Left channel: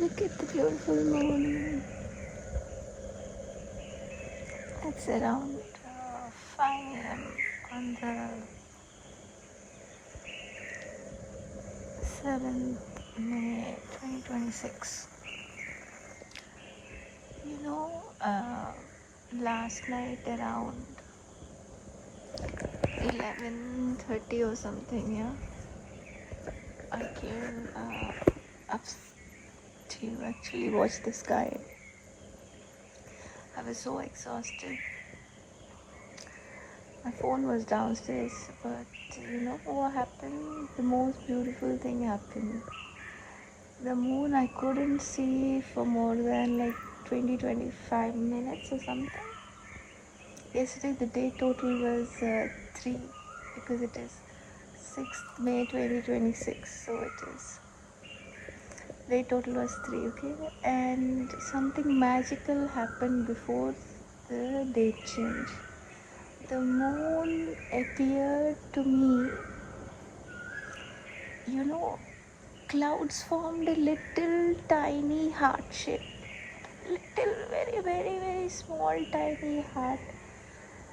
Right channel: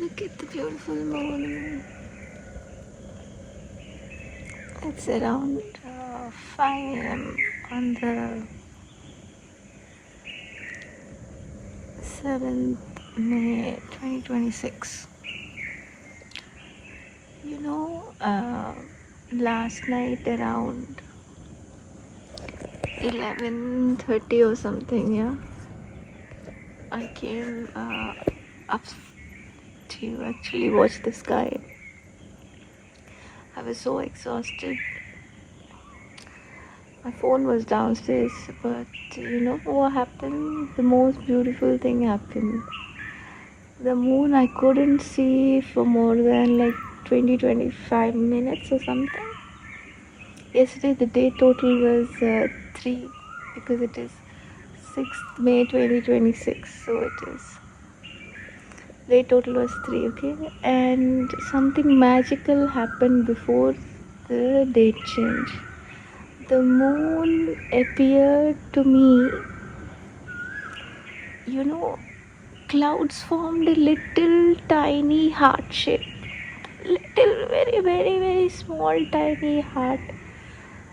Look at the beautiful moon. It's around 5 a.m. on the 7th May 2026. Last night around 11:30 or something, yeah, I came up to actually watch the sky. I was so exhausted. My phone was downstairs, but you know what happened? The most beautiful thing happened. The moon I couldn't see for more than like 20-25 minutes or something. Yesterday the day total was 3 because it is 6th May 2026, so it is day total was 3, okay? And something magical happened before the date change. The moon appeared to me, you know, clouds formed a little tiny heart shape. Little, very, very, very small, tiny heart.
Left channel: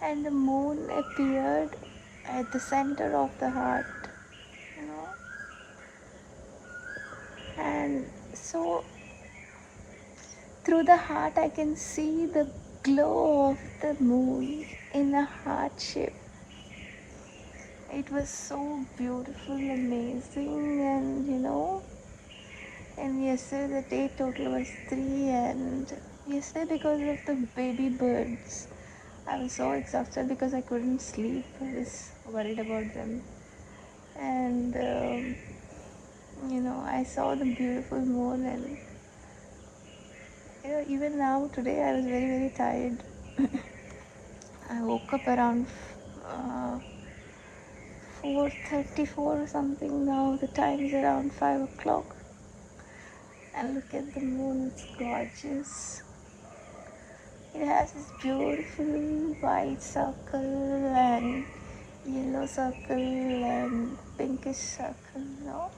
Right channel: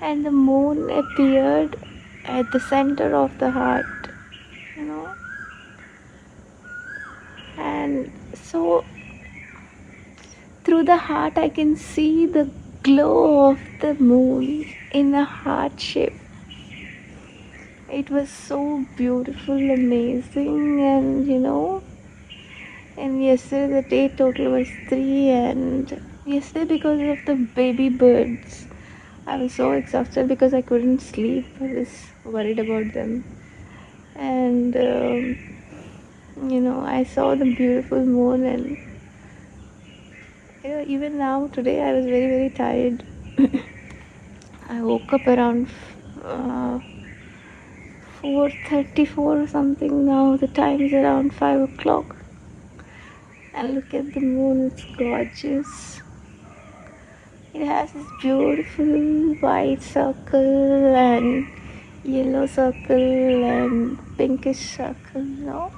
And the moon appeared at the center of the heart, you know. And so through the heart, I can see the glow of the moon in a heart shape. It was so beautiful, amazing, and you know. And yesterday the day total was 3, and yesterday because of the baby birds, I was so exhausted because I couldn't sleep. I was worried about them, and you know, I saw the beautiful moon, and you know, even now today I was very, very tired. I woke up around 4:34 or something. Now the time is around 5 o'clock, and look at the moon. It's gorgeous. It has this beautiful white circle and yellow circle and pinkish circle, you know.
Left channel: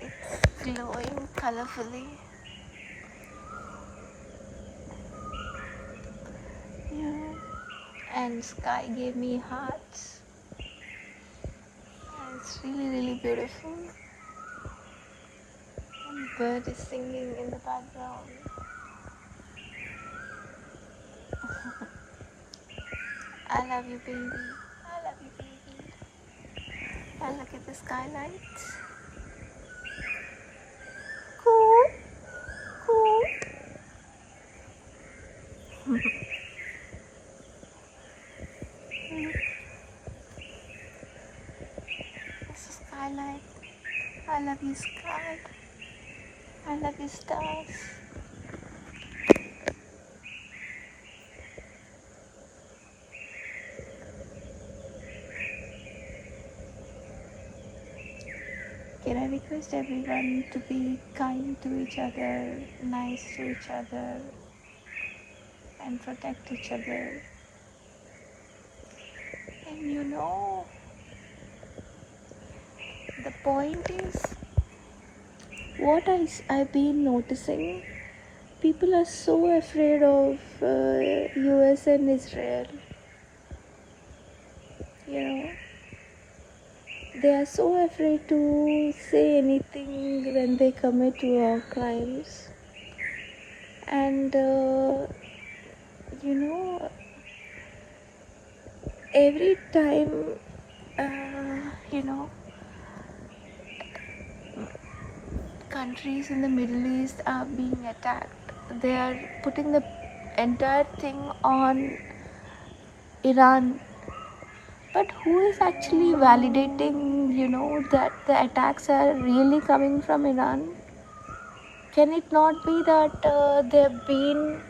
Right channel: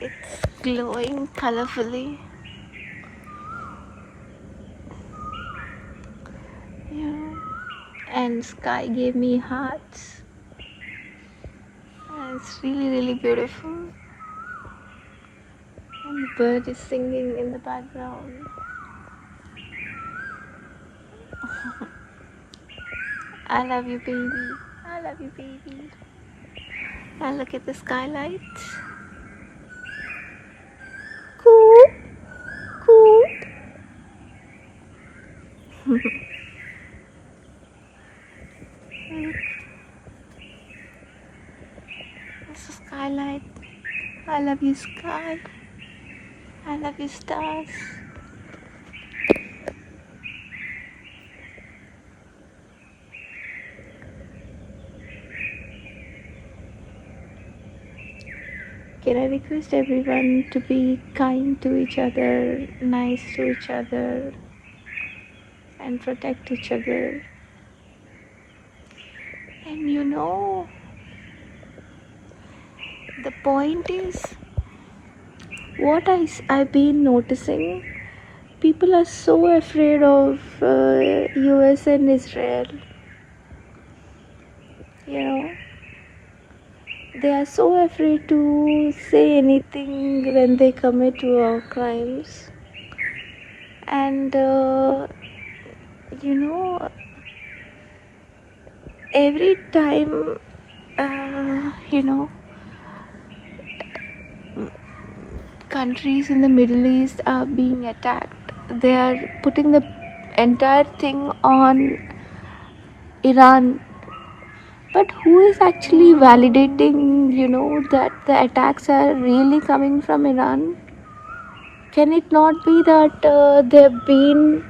It's glowing colorfully. Yeah. And sky gave me hearts. And it's really, really beautiful. And the bird is singing in the background. I love you, baby. I love you, baby. And look at the skylight. Cool, cool. It's a skylight. I love you, sky. I love you, stars. Can I request everyone to be kind to each other, nice to each other, and protect each other? And you know, the point is, I've been noticing, people are so afraid of US and Israel. You know, they are so afraid to say anything when they commit war crimes. And you know, every time, you know, countries in the Middle East are being attacked, they are putting the entire thing on Iran. But who is actually validating, you know, that the attacks are really coming from Iran? Can it not be that they've been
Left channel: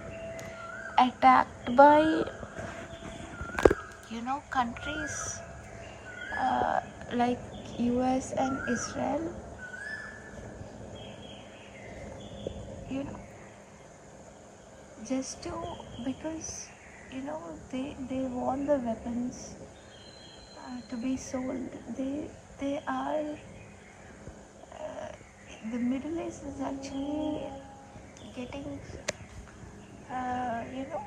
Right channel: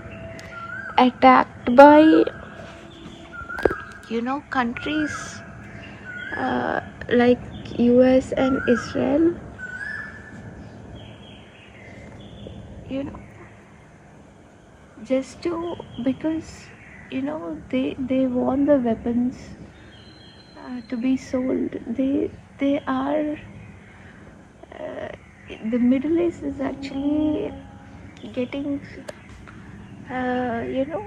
attacked by, you know, countries like US and Israel? You know, just to, because you know, they want the weapons to be sold. They are the Middle East is actually getting, you know,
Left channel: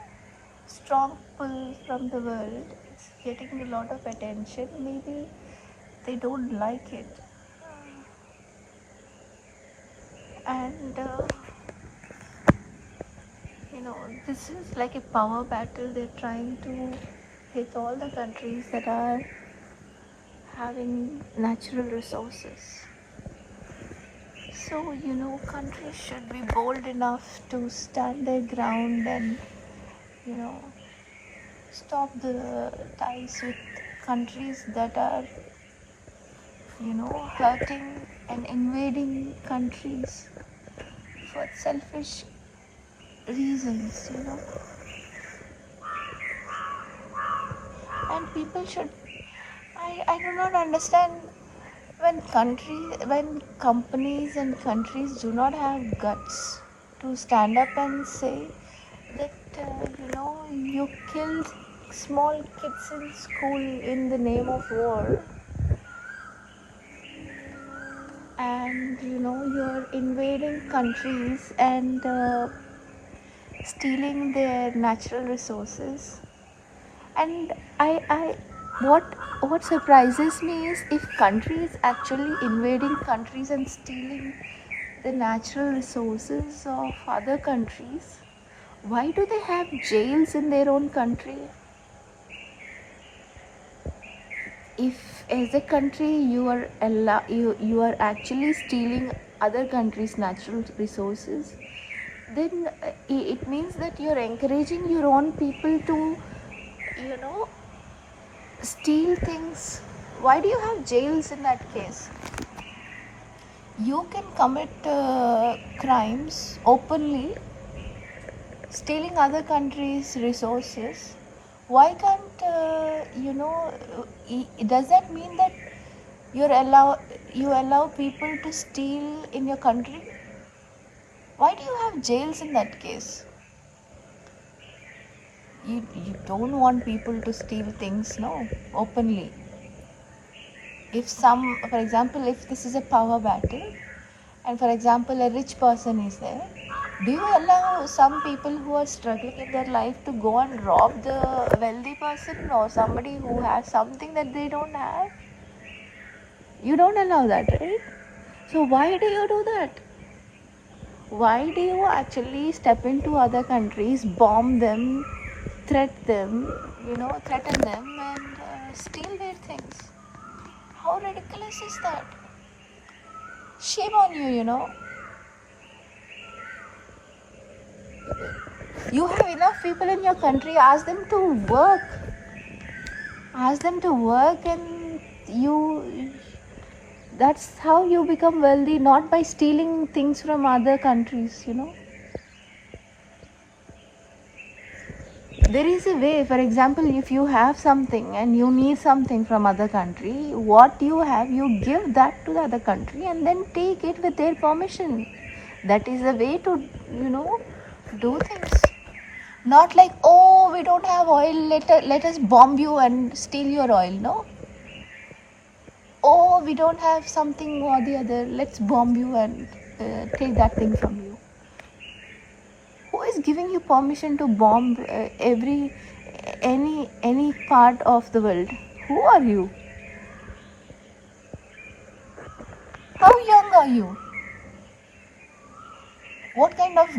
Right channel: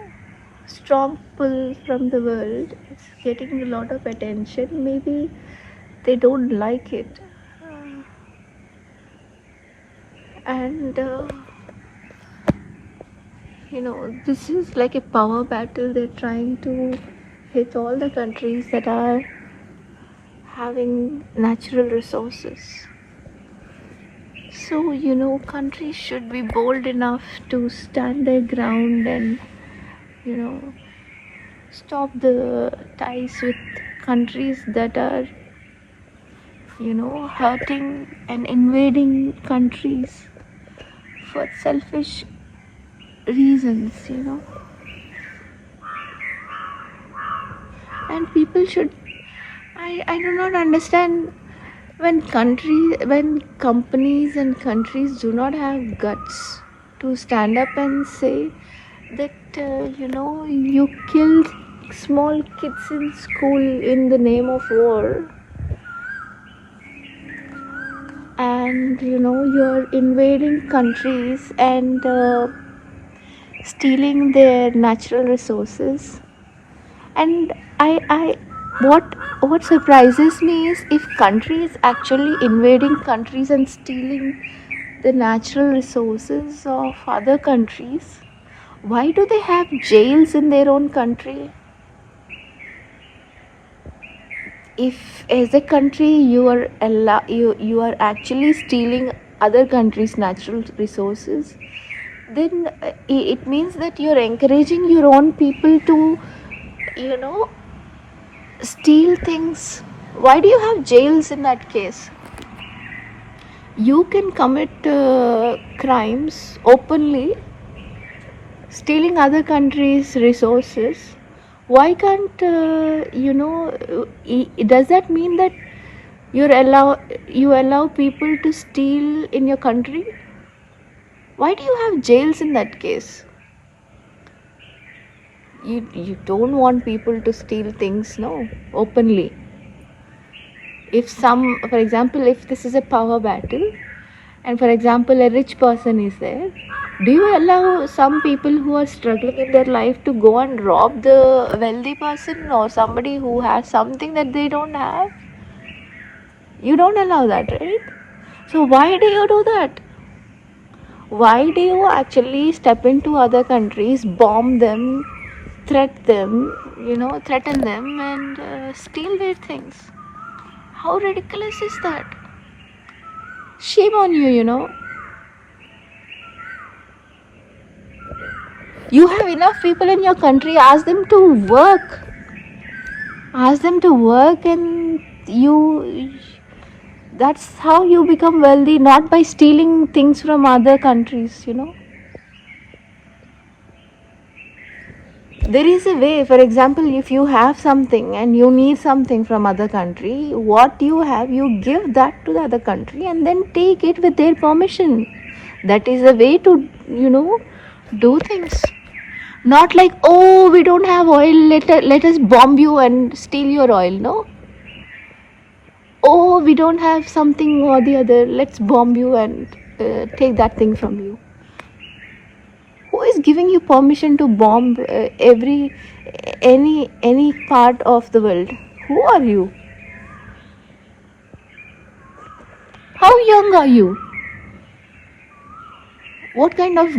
strong pull from the world. It's getting a lot of attention. Maybe they don't like it. And this is like a power battle. They're trying to hit all the countries that are having natural resources. So, countries should be bold enough to stand their ground and, you know, stop the ties with countries that are, hurting and invading countries for selfish reasons. And people should, I do not understand when companies and countries do not have guts to stand up and say that, you killed small kids in school in the name of war, and you're invading countries and stealing their natural resources. And I what surprises me is, if countries actually invading countries and stealing the natural resources of other countries, why do they have jails in their own country? If as a country you are actually stealing other countries' natural resources, then it means that you're encouraging your own people to, you know, steal things. Why do you have jails in that case? You can commit crimes openly, stealing other countries' resources. Why can't does that mean that you allow people to steal in your country? Why do you have jails in that case? You don't want people to steal things, no, openly. If for example, if this is a power battle, and for example a rich person is there, do you allow some people who are struggling in their life to go and rob the wealthy person or somebody who has something that they don't have? You don't allow that, right? So why do you do that? Why do you actually step into other countries, bomb them, threaten them, and steal their things? How ridiculous is that? Shame on you. You have enough people in your country, ask them to work. And that's how you become wealthy, not by stealing things from other countries. There is a way. For example, if you have something and you need something from other country, what you have, you give that to the other country and then take it with their permission. That is a way to, do things. Not like, oh, we don't have oil, let us bomb you and steal your oil, no? Oh, we don't have something or the other, let's bomb you and take that thing from you. Who is giving you permission to bomb any part of the world? Who are you? How young are you? What kind of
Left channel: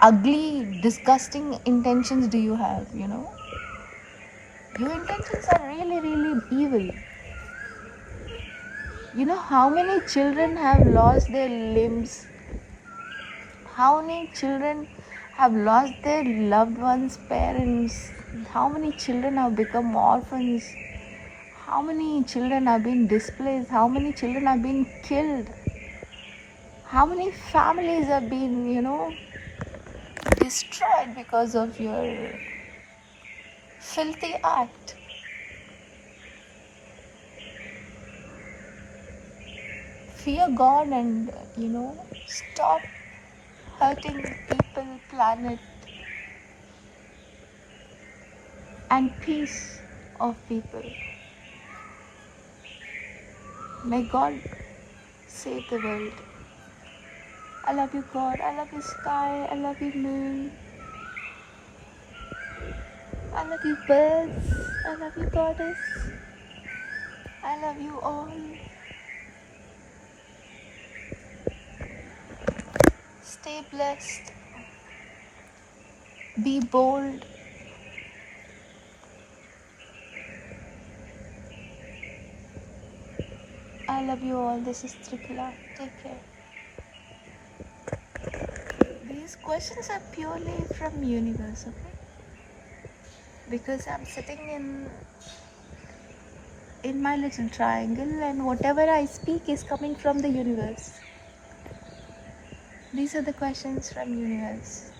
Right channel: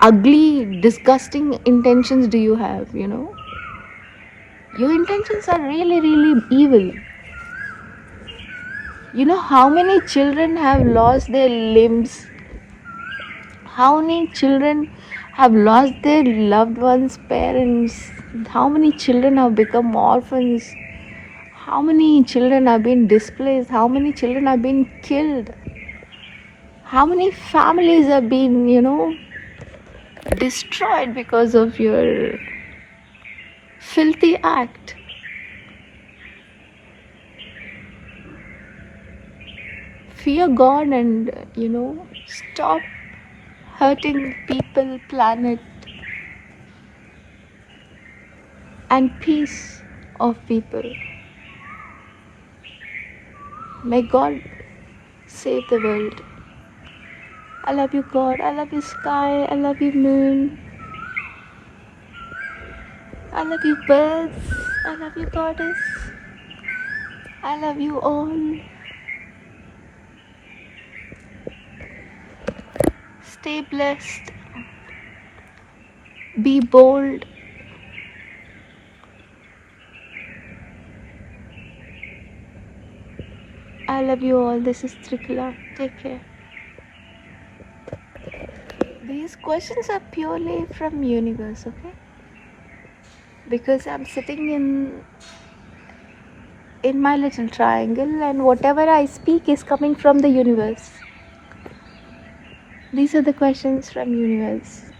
ugly, disgusting intentions do you have? Your intentions are really, really evil. You know how many children have lost their limbs? How many children have lost their loved ones' parents? How many children have become orphans? How many children have been displaced? How many children have been killed? How many families have been, destroyed because of your filthy act? Fear God and, stop hurting people, planet, and peace of people. May God save the world. I love you, God. I love you, sky. I love you, moon. I love you, birds. I love you, goddess. I love you all. Stay blessed. Be bold. I love you all. This is Trikala. Take care. These questions are purely from universe, okay? Because I'm sitting in my little triangle, and whatever I speak is coming from the universe. These are the questions from universe.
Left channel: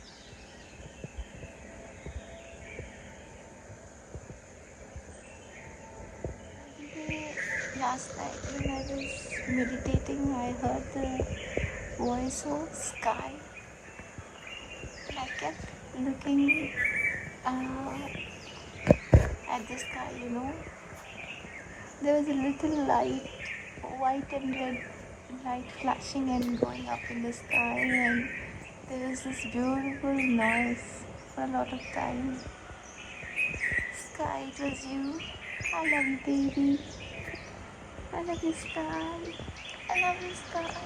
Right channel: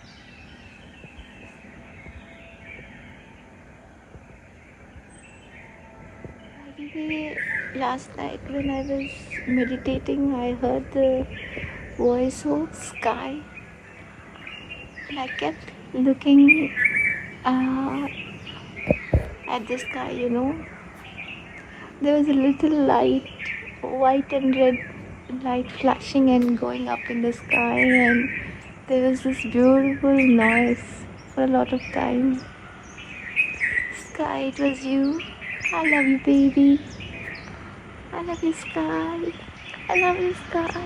Last night when I was meditating, I heard the voice of sky, and I kept looking at the sky, There was a little light, white and red light flashing and going up in the sky, and there was this beautiful noise for a lot of time. Sky, it was you. I love you, baby. I love you, sky. I love you, sky.